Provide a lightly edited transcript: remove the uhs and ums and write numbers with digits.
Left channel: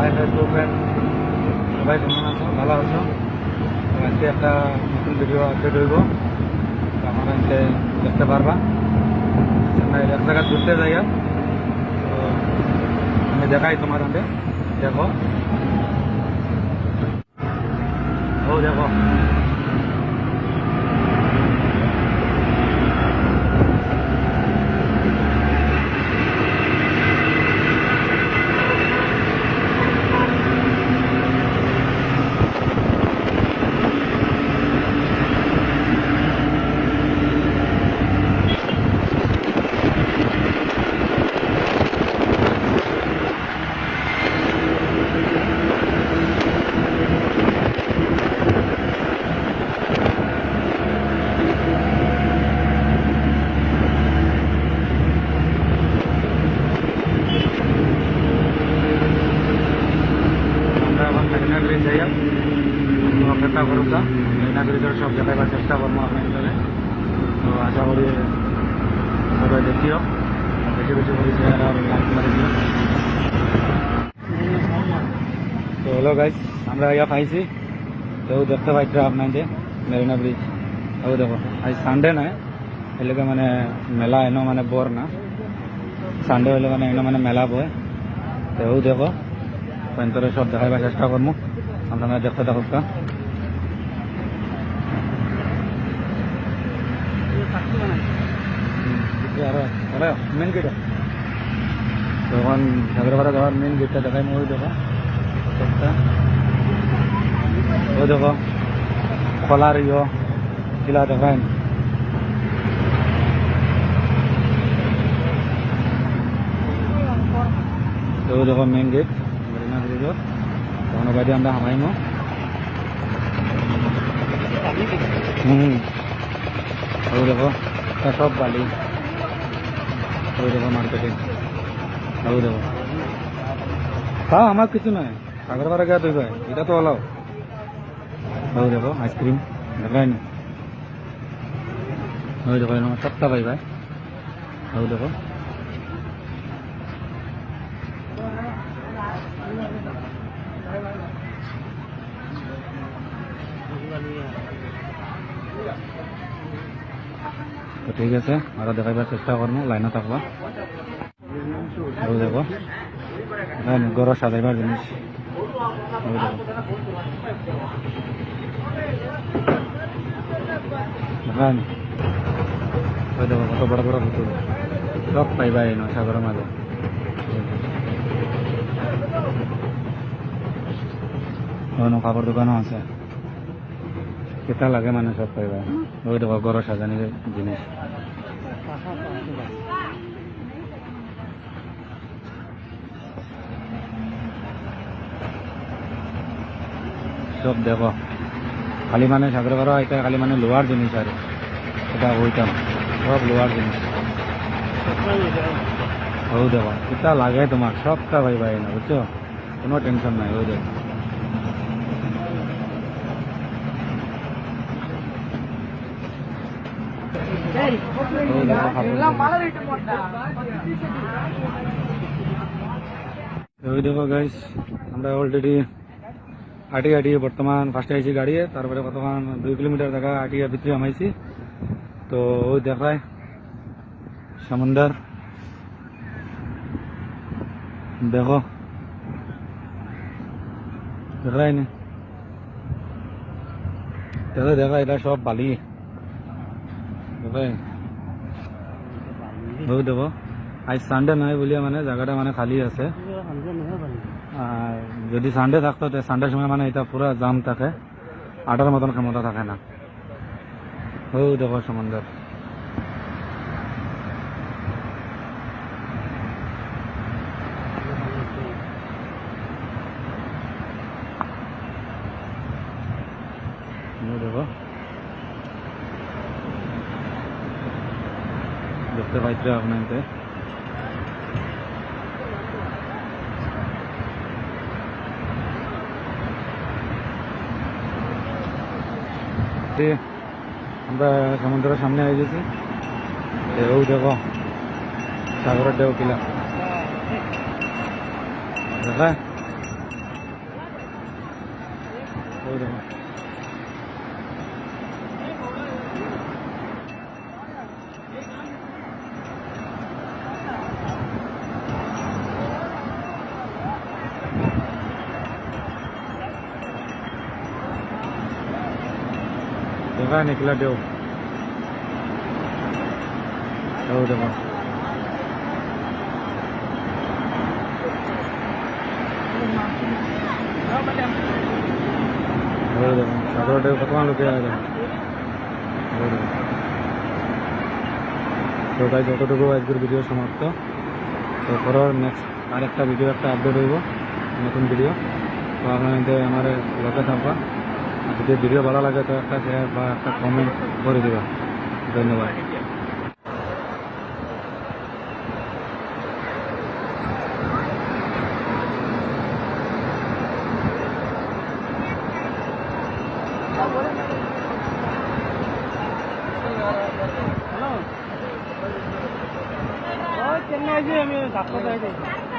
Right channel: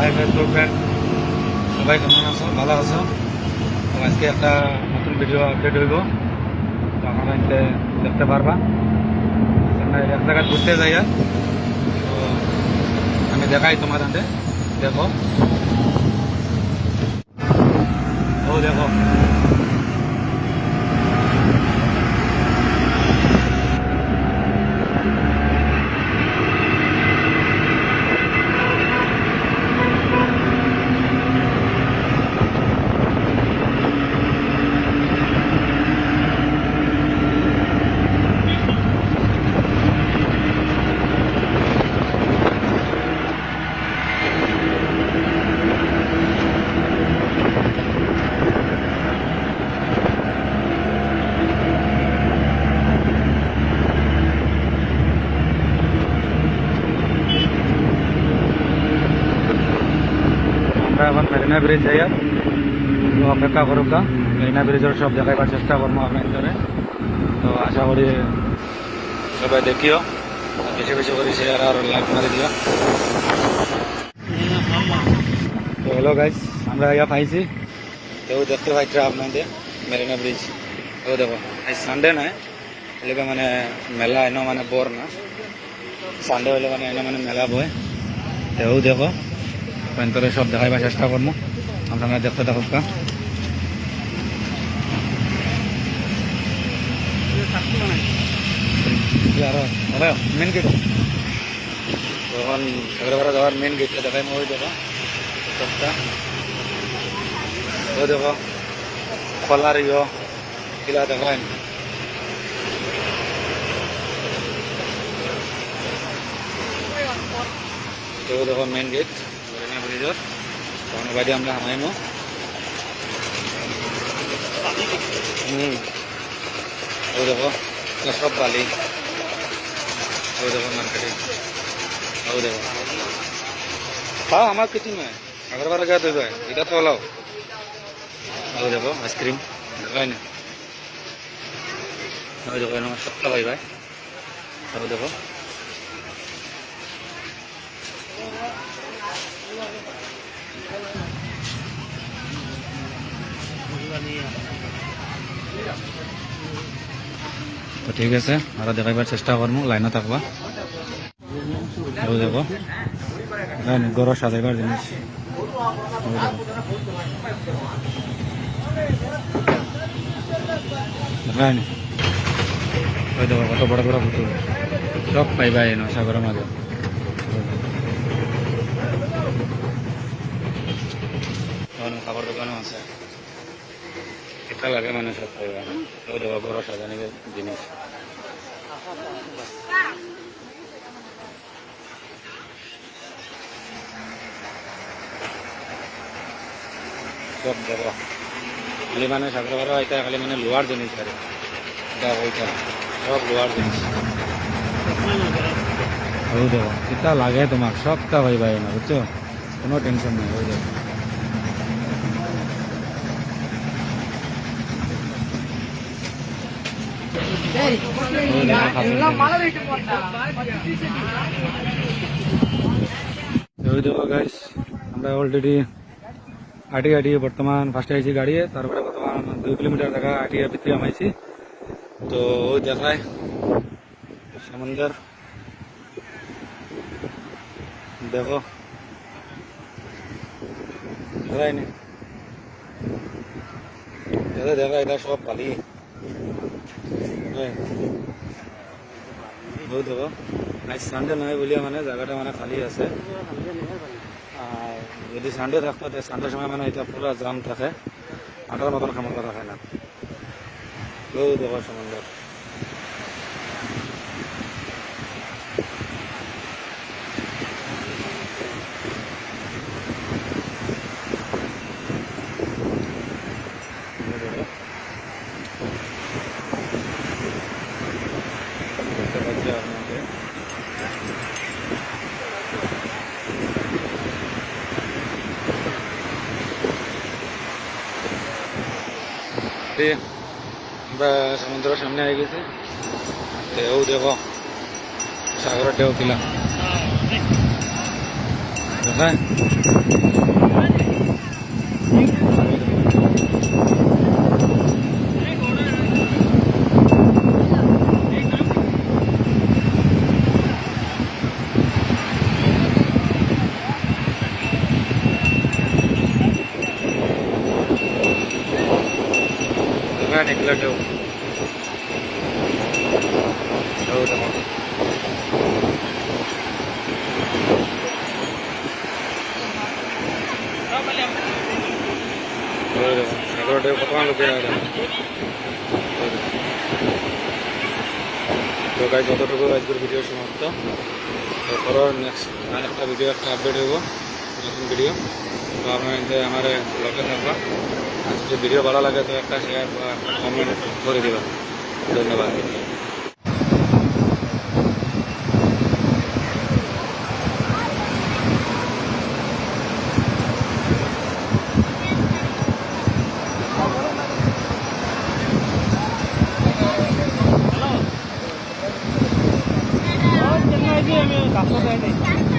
High Facebook friend, সবাই কেমন আছো? ভালো আছো? তো আজকে একটা নতুন ভিডিও আপডেট হইব, তো আপনারা এতে দেখতে পারবা। আমরা এক জায়গায় ঘুরতে যাই, তো আমি দেখাই তোমার হাতে। দেখো, ও দেখো, আমরা এখন মেরিনা ব্রিজ যাই, তো অপেক্ষা করুক। মেরিনা ব্রিজের সব দেখাবার চেষ্টা করবো আপনাদের। তো আশা করি সবাই দেখিও, বেশি বেশি করে শেয়ার আর লাইক করে দিও। তো হ্যালো গাইজ, আমরা ইয়া পাইছি, তো দেখতে পাইছে আপনাদের মেরিনা ব্রিজ। ও দেখো, আজ সানডে নয়, এলাকা মানে মেলা এনো মানে বর না, সানডে হলে মানে এনো মানে মেলা বয়। তো দেখো, পয়েন্টরে সব দেখাইবার চেষ্টা করবো, আপনারা দেখতে থাকুক। আরো মেন গেট তখন সাগরপাড়া যাওয়ার মেন গেটটা দেখাই। ওই দেখো সবটা, ওই দেখো খোলার কিলা দেখায়। তো দেখো মেন গেট মেরিনা ব্রিজের, তখন বাইরে আমরা হামাইমো। ওই দেখো সব বালি, ওই দেখো মার্কেটে, ওই দেখো তাও আমার কিছু নয়, সাগরপাড়া গা তুই ভাই এটা তো হলো। ওই দেখো আইসক্রিম দেখাই না, ওই দেখো আমার সবটা ভাই ভাই, ওই দেখো তো ঠিক আছে, আরো দেখাইবার চেষ্টা করবো, লাইনে থাকবা। ওই দেখো গরম সাজাইবার জিনিস, ওই দেখো দেখায় নি। ওই দেখো কত বড় বড় পুতুল, সব পাইবা এনো সাগরের মাঝে। কাপড় দোকানও আছে, কেটা লাগে মানে সব পাইবা। ওই দেখো গরম সাজানির জিনিস, সব দেখো। খালি মানে সাগরপাড়া এটা খালি মানে লোহার জিনিস, আর এটা ওইটা সব লোহার জিনিস। ওই দেখো এটা লাগে তোমার সবটা ভাই ভাই না, বুঝছো, কোনো টেনশন নাই। ওই দেখো ওই দেখো গাইস, আমরা অলরেডি আটিয়ে আটিয়ে বর্তমান ফার্স্টে আইছি গাড়ি, তারপরে বর্তমান 2 কিলোমিটার জায়গা আটিয়ে ভিতরে আমাইছি। তো ওই দেখায় সমুদ্র, দেখো দেখায় নি, দেখো দেখা এটা সব বালি দেখায়। ও দেখো আজ সানডে নয় বলিয়া মানে জায়গাটা মানে খালি আছে, আর যদি সানডে থাকতো সানডের সময় মানে এটা পুরো জাম থাকে, আটার মতন ক্ষমতা থাকে না। ও দেখো সমুদ্র, দেখো দেখতে পাইছে আপনাকে। আমরা সমুদ্রের সামনে হয়ে গেছি, ঢেউ দেখো সাগরের ঢেউ কিলা, দেখা দেখা নিকলা দেও দেখো দেখো সাগরটা কতক্ষণ লোকে দেখো তো গাইজ যতটুকু আজকের ভিডিও সমাপ্ত তো পরের নেক্সট আর একটা ভিডিও একটা আপডেট হইব নতুন ভিডিও তো আপনার আমার লগে থাকবা আর যদি ভিডিও ভালো লাগে তো একটা শেয়ার বা একটা কমেন্ট করে দেবা ধন্যবাদ আমি কাছে